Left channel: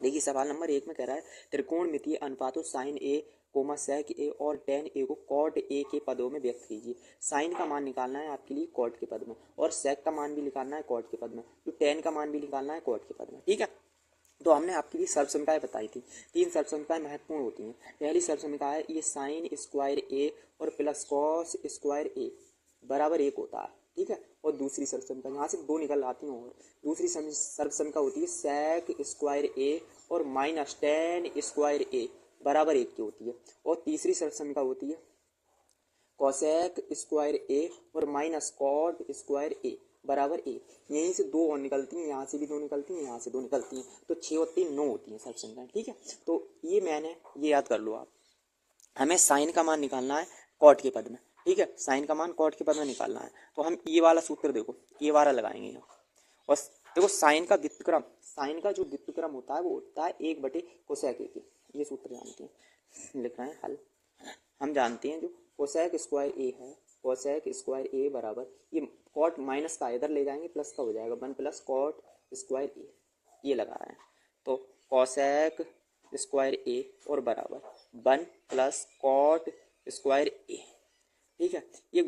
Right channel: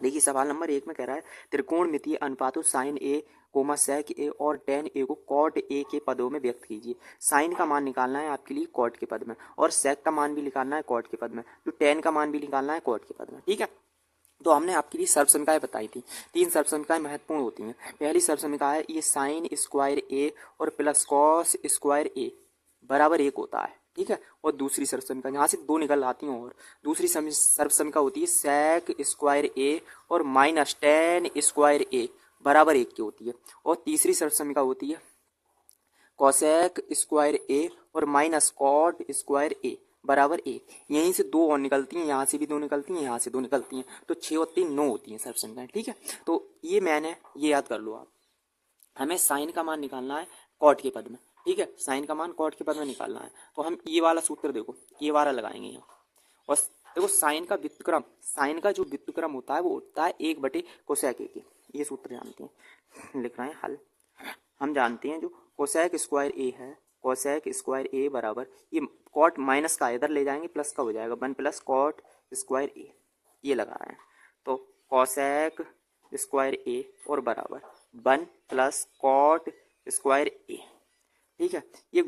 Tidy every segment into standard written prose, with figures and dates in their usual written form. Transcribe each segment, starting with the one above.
देखिए सवाल नंबर 1 में कह रहा है त्रिकोणमितीय अनुपातों साइन ए कोमा सेक ए और टेन ए को कॉट ए के पदों में व्यक्त कीजिए। साइन का मान निकालना है आपके लिए कॉट के पद में, और सेक का मान भी निकालना है कॉट के पद में, तो टेन का मान भी निकालना है कॉट के पद में। ठीक है, तो हमने आपके लिए सर्वसमीकाएं बताई थी। 3 सर्वसमीकाएं महत्वपूर्ण होती हैं। पहली सर्वसमीका है ये साइन स्क्वायर ए और प्लस कॉस स्क्वायर ए बराबर 1 होता है। ठीक है, और दूसरी सर्वसमीका यहाँ से 2 निकल आती हैं, और दूसरी सर्वसमीका होती है सेक स्क्वायर ए और माइनस टेन स्क्वायर ए बराबर 1 की होती है। और तीसरी सर्वसमीका होती है कोसेक स्क्वायर ए और माइनस कॉट स्क्वायर ए बराबर 1। यहीं से 2 और निकलती हैं, यहाँ से भी 2 निकलती हैं, यहाँ से 2 निकलती हैं, तो 6 और 3 9 होती हैं सर्वसमीकाएं। ठीक है, तो ये मैंने ये याद कर लो आप। हमें साइन का मान निकालना है कॉट के पद में। ठीक है, साइन का मान कॉट के पद में निकालना है, तो हम ये वाला सूत्र देखो, ये वाला लगाएंगे यहाँ। और देखो साइन का व्युत्क्रम, साइन का जो व्युत्क्रम होता है वो होता है 1 बटे कोसेक ए। ये सूत्र जानते हैं, लिख रहे हैं हल। हम जानते हैं जो कोसेक स्क्वायर ए है, कोसेक स्क्वायर ए बराबर ये कॉट माइनस का इधर ले जाएंगे प्लस का हो जाएगा 1 प्लस कॉट स्क्वायर ए, ये लगा रहे हैं। तो कोसेक स्क्वायर ए और बराबर 1 प्लस कॉट स्क्वायर ए। ठीक है, ये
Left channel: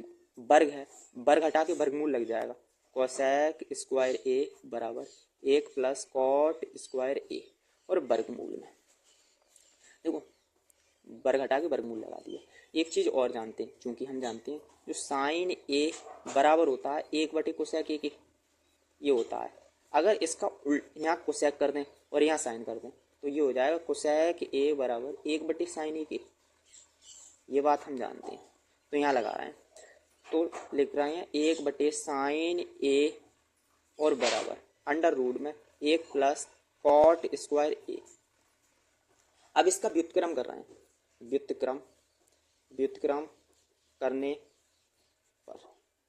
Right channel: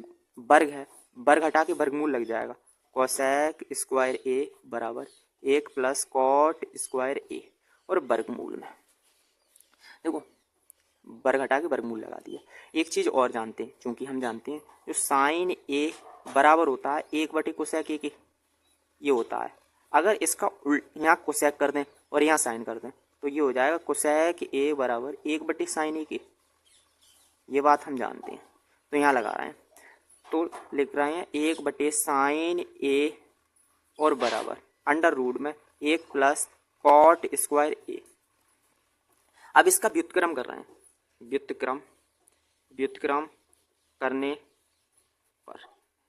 वर्ग है, वर्ग हटा के वर्गमूल लग जाएगा। कोसेक स्क्वायर ए बराबर 1 प्लस कॉट स्क्वायर ए और वर्गमूल में देखो वर्ग हटा के वर्गमूल लगा दिया। एक चीज़ और जानते हैं, क्योंकि हम जानते हैं जो साइन ए बराबर होता है 1 बटे कोसेक ए के, ये होता है। अगर इसका यहाँ कोसेक कर दें और यहाँ साइन कर दें तो ये हो जाएगा कोसेक ए बराबर 1 बटे साइन ए के। ये बात हम जानते हैं, तो यहाँ लगा रहे हैं, तो लिख रहे हैं 1 बटे साइन ए और बराबर अंडर रूट में 1 प्लस कॉट स्क्वायर ए। अब इसका व्युत्क्रम कर रहे हैं, व्युत्क्रम करने पर,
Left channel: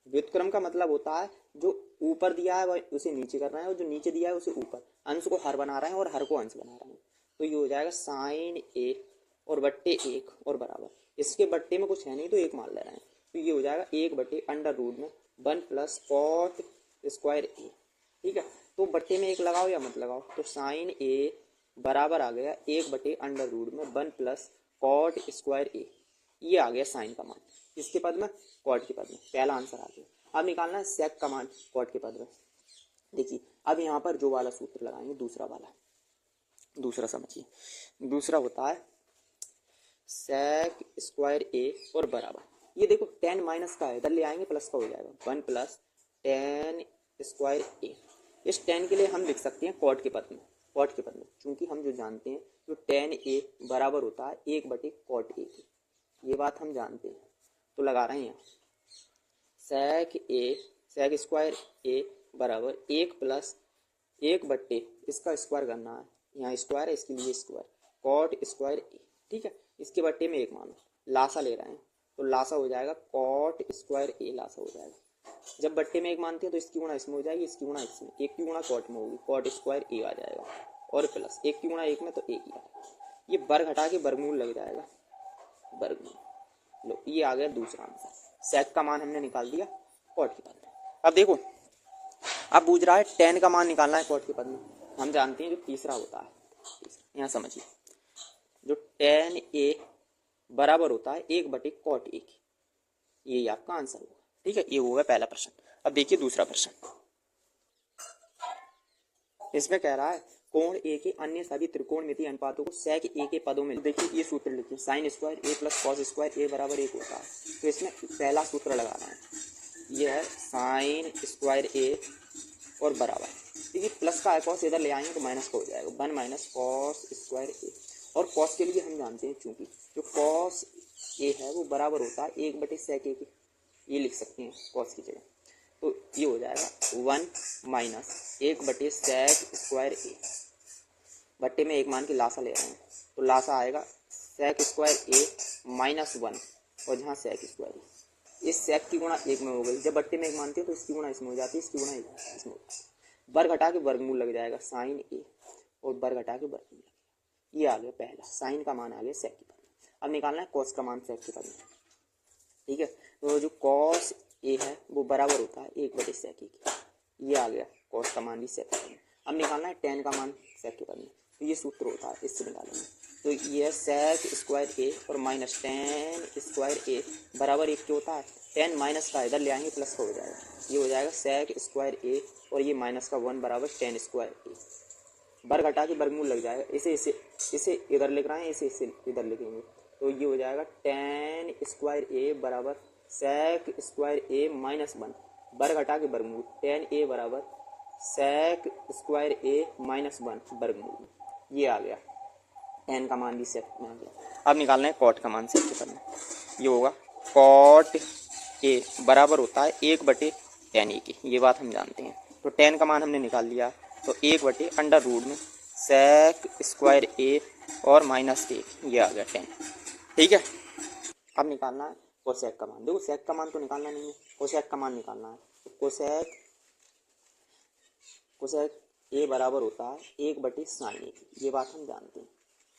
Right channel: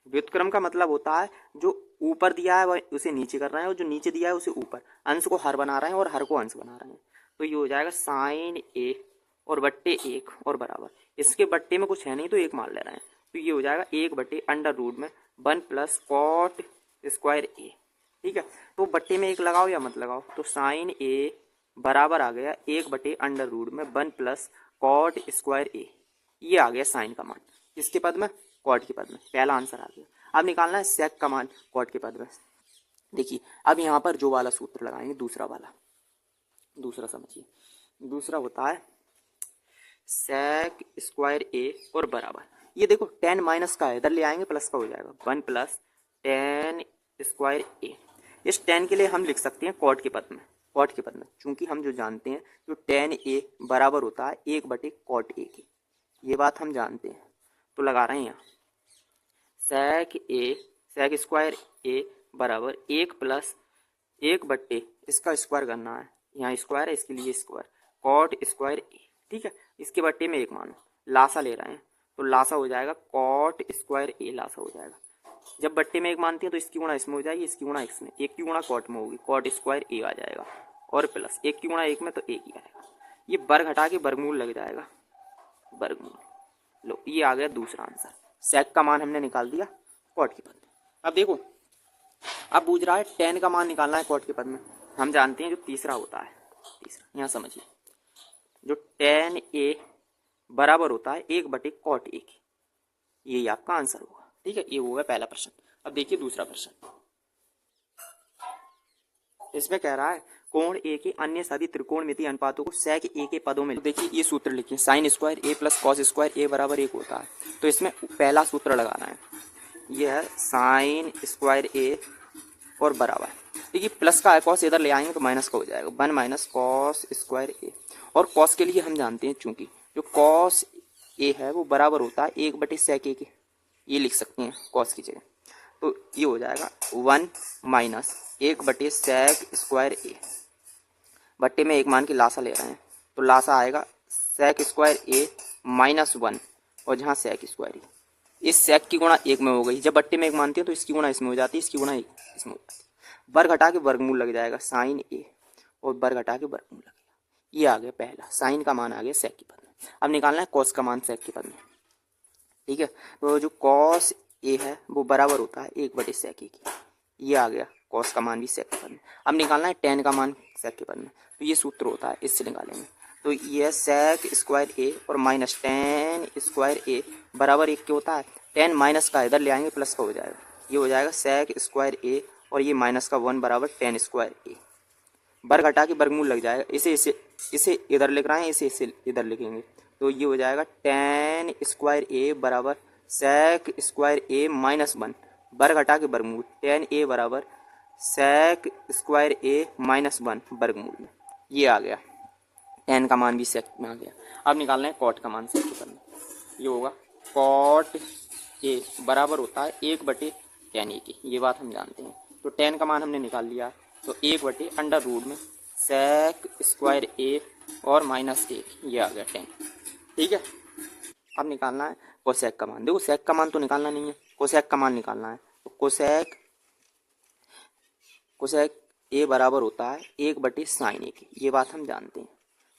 व्युत्क्रम का मतलब होता है जो ऊपर दिया है वह उसे नीचे कर रहे हैं, और जो नीचे दिया है उसे ऊपर, अंश को हर बना रहे हैं और हर को अंश बना रहे हैं। तो ये हो जाएगा साइन ए और बट्टे 1 और बराबर, इसके बट्टे में कुछ है नहीं तो 1 मान ले रहे हैं, तो ये हो जाएगा 1 बटे अंडर रूट में 1 प्लस कॉट स्क्वायर ए। ठीक है, तो बट्टे में 1 लगाओ या मत लगाओ, तो साइन ए बराबर आ गया 1 बटे अंडर रूट में 1 प्लस कॉट स्क्वायर ए। ये आ गया साइन का मान, किसके पद में, कॉट के पद में। पहला आंसर आ गया। अब निकालना है सेक का मान कॉट के पद में। देखिए अब यहाँ पर जो वाला सूत्र लगाएंगे, दूसरा वाला, दूसरा समझिए, दूसरा होता है सेक स्क्वायर ए और बराबर, ये देखो टेन माइनस का है, इधर ले आएंगे प्लस का हो जाएगा 1 प्लस टेन स्क्वायर ए। इस टेन के लिए हम लिख सकते हैं कॉट के पद में, कॉट के पद में, चूंकि हम जो जानते हैं जो टेन ए बराबर होता है 1 बटे कॉट ए के, ये बात हम जानते हैं। तो लगा रहे हैं यहाँ सेक ए, सेक स्क्वायर ए बराबर 1 प्लस 1 बट्टे इसका स्क्वायर करना है, यहाँ स्क्वायर है इसके लिए स्क्वायर, कॉट स्क्वायर ए। ठीक है, इसके बट्टे में 1 मानो, लासा ले रहे हैं तो लासा हो जाएगा कॉट स्क्वायर ए, लासा हो जाएगा। जब बट्टे में 1 मानते हैं तो इसकी गुणा इसमें हो जाएगी, इसकी गुणा इसमें, 1 की गुणा कॉट में होगी, कॉट स्क्वायर ए आ जाएगा, और प्लस 1 की गुणा 1 में तो 1 ही आएगा। ये वर्ग हटा के वर्गमूल लग जाएगा, वर्गमूल। लो ये आ गया दूसरा आंसर, सेक का मान हमने निकाल दिया कॉट के पद में। अब देखो अब पूछ रहा है टेन का मान निकालना है कॉट के पद में। हम जानते हैं जो तीसरा होता है, तीसरा यहाँ समझिए, जो टेन ए बराबर होता है 1 बटे कॉट ए के, ये आपका आंसर होगा। ठीक है, ये होगा पहला प्रश्न। अब देखिए दूसरा प्रश्न, इसमें कह रहा है कोण ए के अन्य सभी त्रिकोणमितीय अनुपातों को सेक ए के पदों में। देखिए ये सूत्र लिखिए, साइन स्क्वायर ए प्लस कॉस स्क्वायर ए बराबर 1 होता है, तो इसमें पहला सूत्र लगाना है, ये है साइन स्क्वायर ए और बराबर, देखिए प्लस का है कॉस, इधर ले आएंगे तो माइनस का हो जाएगा 1 माइनस कॉस स्क्वायर ए। और कॉस के लिए हम जानते हैं चूंकि जो कॉस ए है वो बराबर होता है 1 बटे सेक ए के, ये लिख सकते हैं कॉस की जगह, तो ये हो जाएगा 1 माइनस 1 बटे सेक स्क्वायर ए, बट्टे में 1 मान के लासा ले रहे हैं, तो लासा आएगा सेक स्क्वायर ए माइनस 1, और जहाँ सेक स्क्वायर ए, इस सेक की गुणा 1 में हो गई, जब बट्टे में 1 मानते हैं तो इसकी गुणा इसमें हो जाती है, इसकी गुणा इसमें हो जाती है, वर्ग हटा के वर्गमूल लग जाएगा साइन ए, और वर्ग हटा के वर्गमूल लगेगा। ये आ गया पहला, साइन का मान आ गया सेक के पद में। अब निकालना है कॉस का मान सेक के पद में। ठीक है, तो जो कॉस ए है वो बराबर होता है 1 बटे सेक ए की, ये आ गया कॉस का मान भी सेक के पद में। अब निकालना है टेन का मान सेक के पद में, तो ये सूत्र होता है, इससे निकालेंगे। तो ये सेक स्क्वायर ए और माइनस टेन स्क्वायर ए बराबर 1 के होता है। 10 माइनस का इधर ले आएंगे, प्लस का हो जाएगा, ये हो जाएगा सेक स्क्वायर ए और ये माइनस का 1 बराबर 10 स्क्वायर ए। वर्ग हटा के वर्गमूल लग जाएगा, इसे इधर लिख रहे हैं, इसे इधर लिखेंगे, तो ये हो जाएगा 10 स्क्वायर ए बराबर सेक स्क्वायर ए माइनस 1, वर्ग हटा के वर्गमूल, 10 ए बराबर सेक स्क्वायर ए माइनस 1 वर्गमूल में, ये आ गया। 10 का मान भी सेक में आ गया। अब निकालना है कॉट का मान सेक के पद में, ये होगा कॉट ए बराबर होता है 1/10 ए के, ये बात हम जानते हैं। तो 10 का मान हमने निकाल लिया, तो 1/√, में सेक स्क्वायर ए और माइनस 1, ये आ गया 10। ठीक है, अब निकालना है कोसेक का मान। देखो सेक का मान तो निकालना नहीं है, कोसेक का मान निकालना है। तो कोसेक ए बराबर होता है 1/sin ए के, ये बात हम जानते हैं।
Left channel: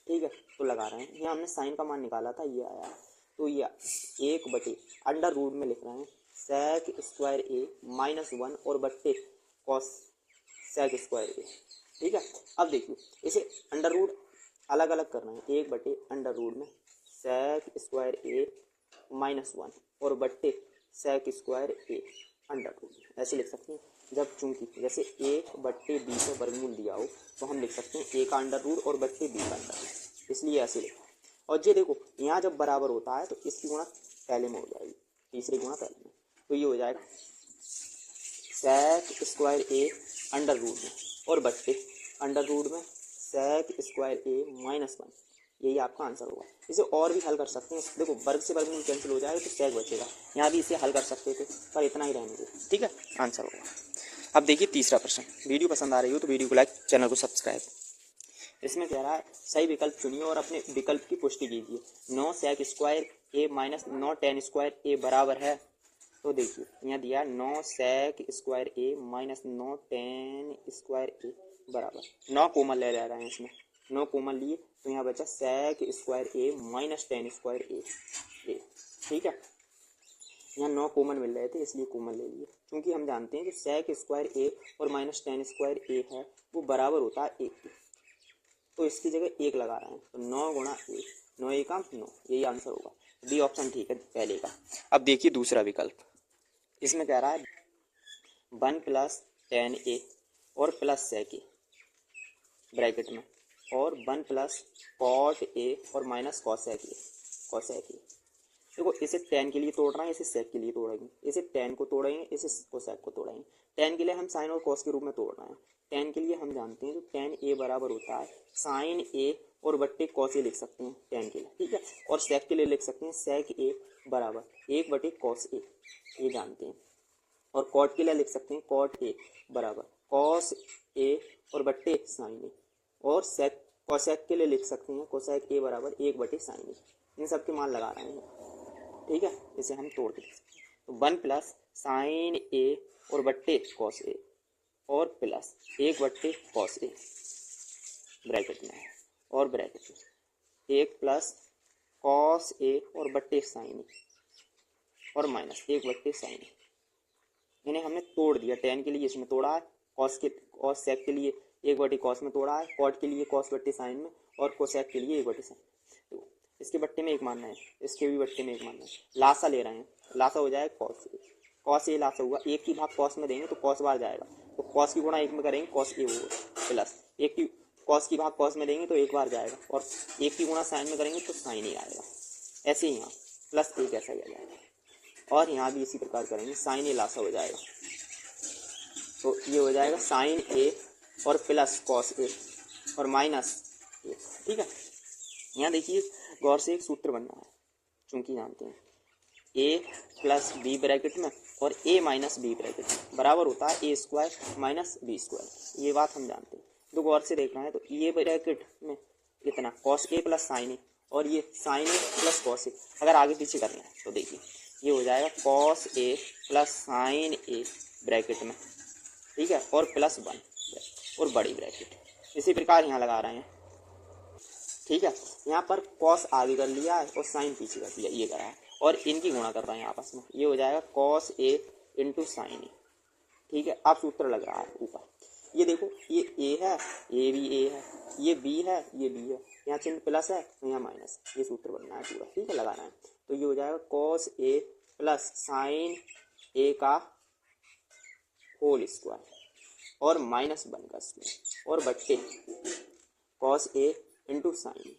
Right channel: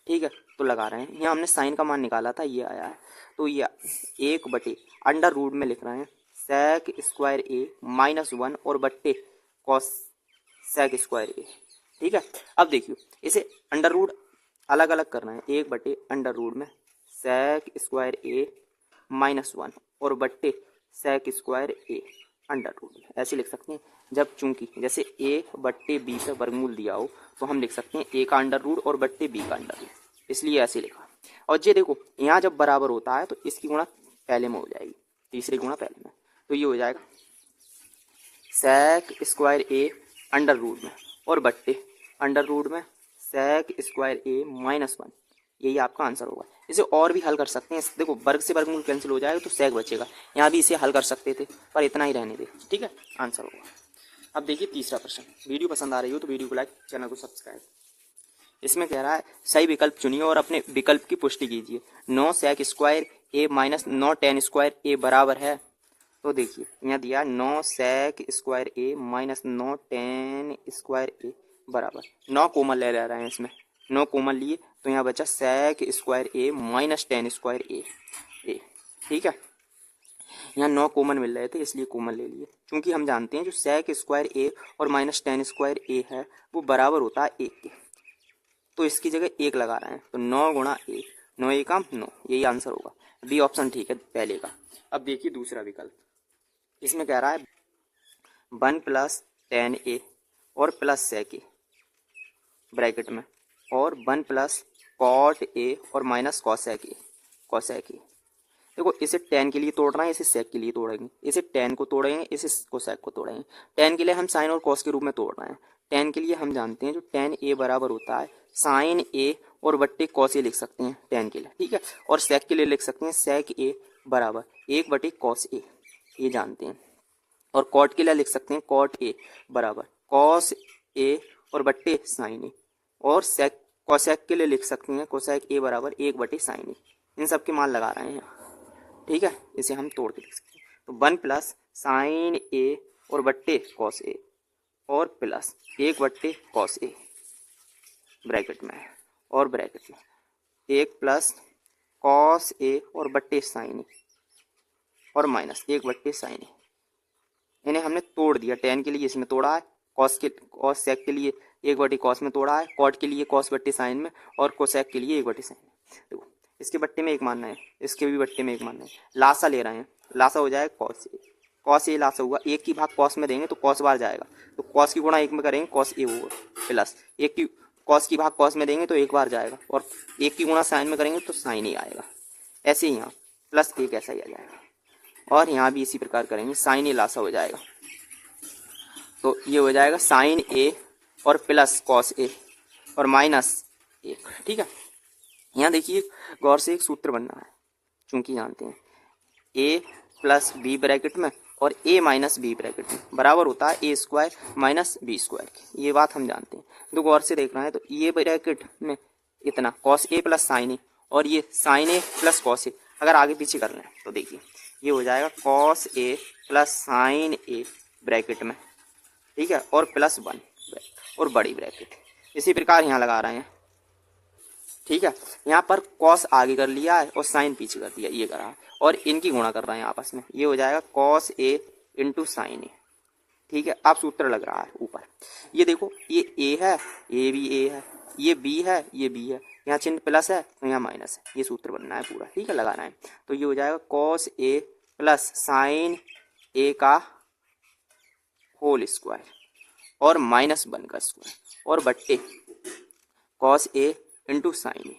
ठीक है, तो लगा रहे हैं, यहाँ हमने साइन का मान निकाला था, ये आया है, तो ये 1/√, में लिख रहे हैं सेक स्क्वायर ए माइनस 1 और बट्टे कॉस सेक स्क्वायर ए। ठीक है, अब देखियो इसे अंडर रूट अलग अलग करना है, 1/√, में सेक स्क्वायर ए माइनस 1 और बट्टे sec square A under root, ऐसे लिख सकते हैं। जब चूंकि जैसे 1/b पे वर्गमूल दिया हो तो हम लिख सकते हैं a का अंडर रूट और बट्टे b का अंडर रूट, इसलिए ऐसे लिखा। और ये देखो यहाँ जब बराबर होता है तो इसकी गुणा पहले में हो जाएगी, तीसरी गुणा पहले में, तो ये हो जाएगा sec square A under root में और बट्टे अंडर रूट में सेक स्क्वायर ए माइनस 1, यही आपका आंसर होगा। इसे और भी हल कर सकते हैं, देखो वर्ग से वर्गमूल कैंसिल हो जाएगा तो सेक बचेगा, यहाँ भी इसे हल कर सकते थे पर इतना ही रहने दे। ठीक है, आंसर होगा। अब देखिए तीसरा प्रश्न, वीडियो पसंद आ रही हो तो वीडियो को लाइक, चैनल को सब्सक्राइब। इसमें कह रहा है सही विकल्प चुनिए और अपने विकल्प की पुष्टि कीजिए। 9 सेक स्क्वायर ए माइनस 9 10 स्क्वायर ए बराबर है, तो देखिए यहाँ दिया 9 सेक स्क्वायर ए माइनस 9 10 स्क्वायर ए बराबर, 9 कॉमन ले रहे हैं इसमें, 9 कॉमन लिए तो यहाँ बचा सेक स्क्वायर ए माइनस 10 स्क्वायर ए। ठीक है, यहाँ 9 कॉमन मिल रहे थे इसलिए कॉमन ले लिए। क्योंकि हम जानते हैं जो सेक स्क्वायर ए और माइनस 10 स्क्वायर ए है वो बराबर होता है 1 के, तो इसकी जगह 1 लगा रहे हैं, तो 9 गुणा 1, 9 1 9, यही आंसर होगा। बी ऑप्शन ठीक है पहले का। अब देखिए दूसरा विकल्प, इसमें कह रहा है 1 + 10 ए और प्लस सेक ए ब्रैकेट में और 1 + कॉट ए और माइनस कॉसेक ए। देखो इसे 10 के लिए तोड़ रहे हैं, इसे सेक के लिए तोड़ेंगे, इसे 10 को तोड़ेंगे, इसे कोसेक को तोड़ेंगे। 10 के लिए हम साइन और कॉस के रूप में तोड़ रहे हैं। 10 के लिए हम जानते हैं जो 10 ए बराबर होता है साइन ए और बट्टे कॉस ए लिख सकते हैं 10 के लिए। ठीक है, और सेक के लिए लिख सकते हैं सेक ए बराबर 1/cos ए, ये जानते हैं। और कॉट के लिए लिख सकते हैं कॉट ए बराबर कॉस ए और बट्टे साइन ए, और सेक कोसेक के लिए लिख सकते हैं कोसेक ए बराबर 1/sin ए। इन सब के मान लगा रहे हैं। ठीक है, इसे हम तोड़ के लिख सकते हैं, तो 1 + sin ए और बट्टे कॉस ए और प्लस 1/cos ए ब्रैकेट में और ब्रैकेट में 1 + cos ए और बट्टे sin ए और माइनस 1/sin ए। इन्हें हमने तोड़ दिया, 10 के लिए इसमें तोड़ा है, कॉस सेक के लिए 1/cos में तोड़ा है, कॉट के लिए cos/sin में और कोसेक के लिए 1/sin में। देखो इसके बट्टे में 1 मानना है, इसके भी बट्टे में 1 मानना है, लासा ले रहे हैं, लासा हो जाएगा कॉस ए लासा हुआ, 1 की भाग कॉस में देंगे तो कॉस बार जाएगा, तो कॉस की गुणा 1 में करेंगे कॉस ए होगा, प्लस 1 की कॉस की भाग कॉस में देंगे तो 1 बार जाएगा, और 1 की गुणा साइन में करेंगे तो साइन ही आएगा। ऐसे ही यहाँ प्लस 1 ऐसा ही आ जाएगा, और यहाँ भी इसी प्रकार करेंगे, साइन ए लासा हो जाएगा, तो ये हो जाएगा साइन ए और प्लस कॉस ए और माइनस 1। ठीक है, यहाँ देखिए गौर से एक सूत्र बनना है, चूंकि जानते हैं a + b ब्रैकेट में और a - b ब्रैकेट में बराबर होता है a² - b², ये बात हम जानते हैं। तो गौर से देखना है, तो ये ब्रैकेट में इतना cos a + sin a और ये sin a + cos a, अगर आगे पीछे करना है तो देखिए ये हो जाएगा cos a + sin a bracket में, ठीक है, और +1 और बड़ी ब्रैकेट, इसी प्रकार यहाँ लगा रहे हैं। ठीक है, यहाँ पर cos आगे कर लिया है और sin पीछे कर दिया, ये करा है, और इनकी गुणा कर रहे हैं आपस में, ये हो जाएगा cos a × sin a, ठीक है। अब सूत्र लग रहा है ऊपर, ये देखो ये ए है, ये भी ए है, ये बी है, ये बी है, यहाँ चिन्ह प्लस है तो यहाँ माइनस है, ये सूत्र बनना है पूरा, ठीक है, लगाना है। तो ये हो जाएगा कॉस ए प्लस साइन ए का होल स्क्वायर और माइनस 1 का स्क्वायर और बट्टे cos A into sine A,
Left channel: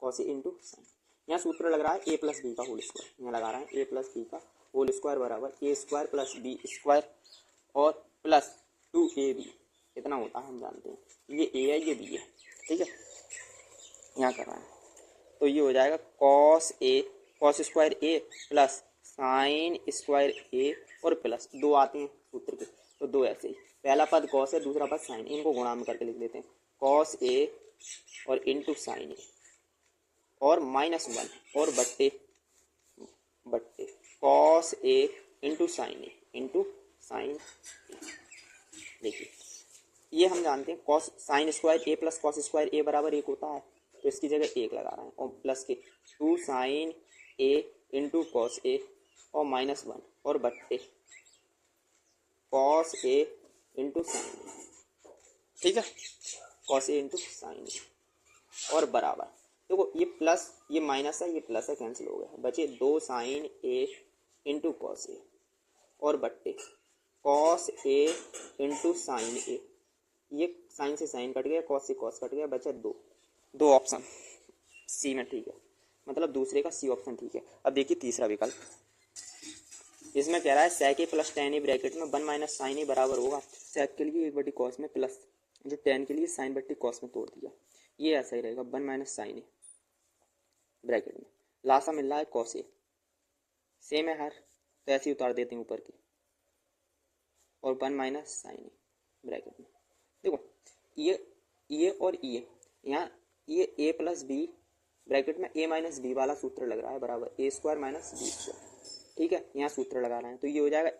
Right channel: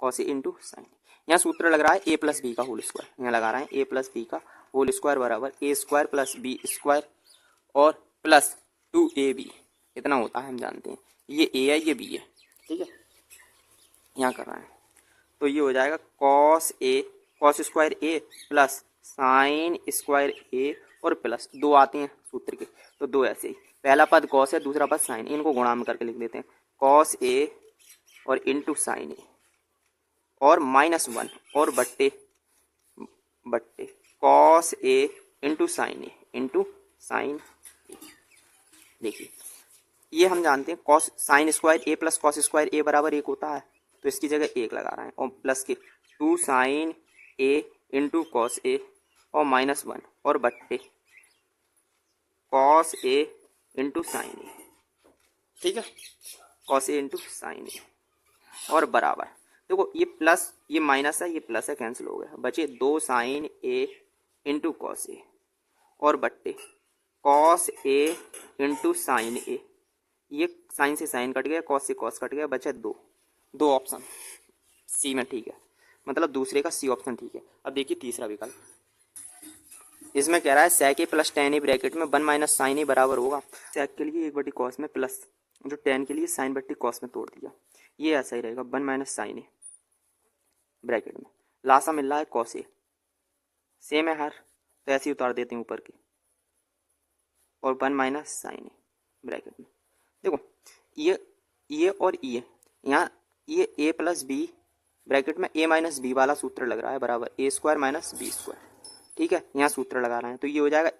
cos A into sine. यहाँ सूत्र लग रहा है ए प्लस बी का होल स्क्वायर, यहाँ लगा रहे हैं ए प्लस बी का होल स्क्वायर बराबर ए स्क्वायर प्लस बी स्क्वायर और प्लस 2ab, इतना होता है हम जानते हैं। ये ए है, ये बी है, ठीक है, यहाँ कर रहे हैं। तो ये हो जाएगा cos A, cos square A plus sine square ए और प्लस 2 आते हैं सूत्र के, तो 2 ऐसे ही, पहला पद कॉस है, दूसरा पद साइन, इनको गुणा में करके लिख देते हैं, कॉस ए और इंटू साइन ए और -1 और बट्टे cos A into sine A into sine ए। देखिए ये हम जानते हैं कॉस साइन स्क्वायर ए प्लस कॉस स्क्वायर ए बराबर 1 होता है, तो इसकी जगह 1 लगा रहे हैं और प्लस के 2 sign A into cos A और -1 और बट्टे कॉस ए इंटू साइन ए, ठीक है, कॉस ए इंटू साइन ए और बराबर, देखो ये प्लस ये माइनस है, ये प्लस है, कैंसिल हो गया, बचे 2 sign A into cos A और बट्टे कॉस ए इंटू साइन ए, ये साइन से साइन कट गया, कॉस से कॉस कट गया, बचा 2 ऑप्शन सी में, ठीक है, मतलब दूसरे का सी ऑप्शन ठीक है। अब देखिए तीसरा विकल्प, इसमें कह रहा है sec a plus tan a bracket में 1 माइनस साइन ए बराबर होगा, sec के लिए 1/cos कॉस में प्लस जो tan के लिए साइन बट्टी कॉस में तोड़ दिया, ये ऐसा ही रहेगा 1 माइनस साइन ए ब्रैकेट में, लासा मिल रहा है कॉस ए, सेम है हर, तो ऐसे ही उतार देते हैं ऊपर की और 1 माइनस साइन ए ब्रैकेट में। देखो ये और ये यहाँ ये a प्लस बी ब्रैकेट में a माइनस बी वाला सूत्र लग रहा है बराबर ए स्क्वायर माइनस बी स्क्वायर, ठीक है, यहाँ सूत्र लगा रहे हैं, तो ये हो जाएगा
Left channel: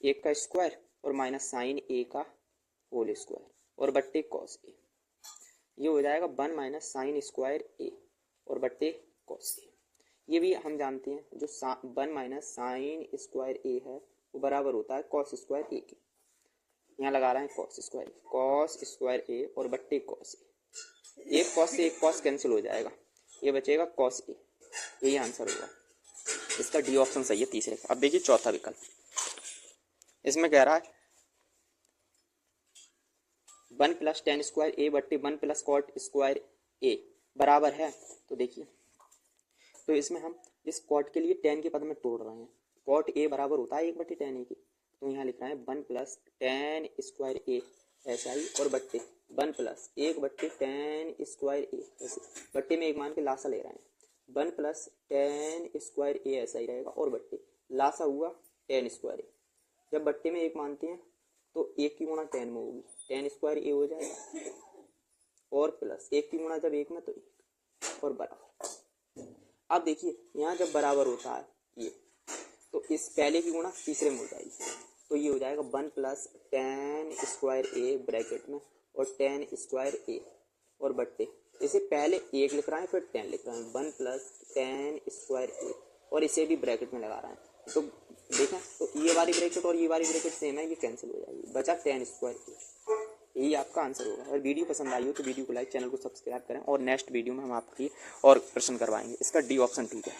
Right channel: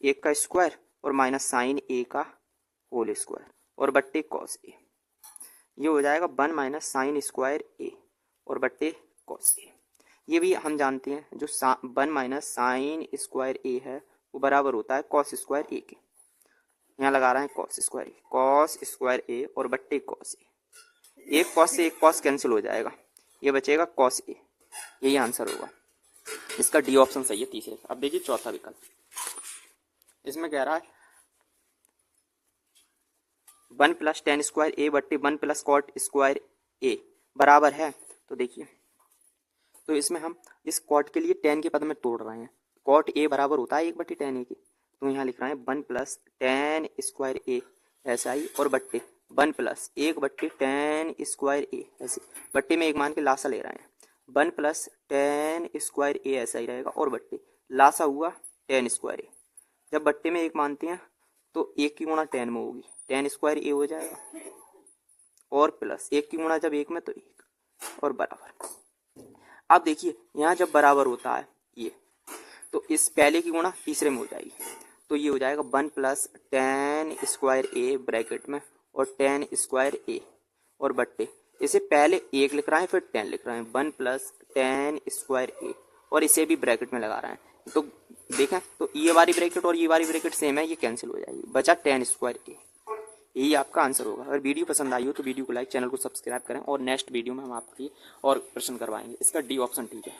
1 का स्क्वायर और माइनस साइन ए का होल स्क्वायर और बट्टे कॉस ए, ये हो जाएगा 1 माइनस साइन स्क्वायर ए और बट्टे कॉस ए। ये भी हम जानते हैं जो 1 माइनस साइन स्क्वायर ए है वो बराबर होता है कॉस स्क्वायर ए के, यहाँ लगा रहे हैं कॉस स्क्वायर ए और बट्टे कॉस ए, एक कॉस से एक कॉस कैंसिल हो जाएगा, ये बचेगा कॉस ए, यही आंसर होगा, इसका डी ऑप्शन सही है तीसरे का। अब देखिए चौथा विकल्प, इसमें कह रहा है 1 प्लस tan स्क्वायर ए बट्टे 1 प्लस कॉट स्क्वायर ए बराबर है, तो देखिए तो इसमें हम इस कॉट के लिए tan के पद में तोड़ रहे हैं, कॉट ए बराबर होता है 1/tan ए की, तो यहाँ लिख रहे हैं 1 प्लस tan स्क्वायर ए ऐसा ही और बट्टे 1 प्लस 1/tan स्क्वायर ए ऐसे, बट्टे में एक मान के लासा ले रहे हैं, 1 प्लस tan स्क्वायर ए ऐसा ही रहेगा और बट्टे लासा हुआ tan स्क्वायर ए, जब बट्टे में एक मानते हैं तो 1 की गुणा tan में होगी, tan स्क्वायर ए हो जाएगा और प्लस 1 की गुणा जब 1 में तो 1 और बराबर। अब देखिए यहाँ जब बराबर होता है ये, तो इस पहले की गुणा तीसरे में हो जाएगी, तो ये हो जाएगा 1 plus tan square A bracket में और tan स्क्वायर ए और बट्टे, इसे पहले 1 लिख रहे हैं फिर tan लिख रहे हैं, 1 प्लस tan स्क्वायर ए और इसे भी ब्रैकेट में लगा रहे हैं, तो देखें तो ये वाली ब्रैकेट और ये वाली ब्रैकेट सेम है, ये कैंसिल हो जाएगी, बचा tan स्क्वायर ए, यही आपका आंसर होगा। अगर वीडियो पसंद आई हो तो वीडियो को लाइक, चैनल को सब्सक्राइब करें और नेक्स्ट वीडियो में हम आपकी और प्रश्न करवाएंगे, इसका डी ऑप्शन ठीक है।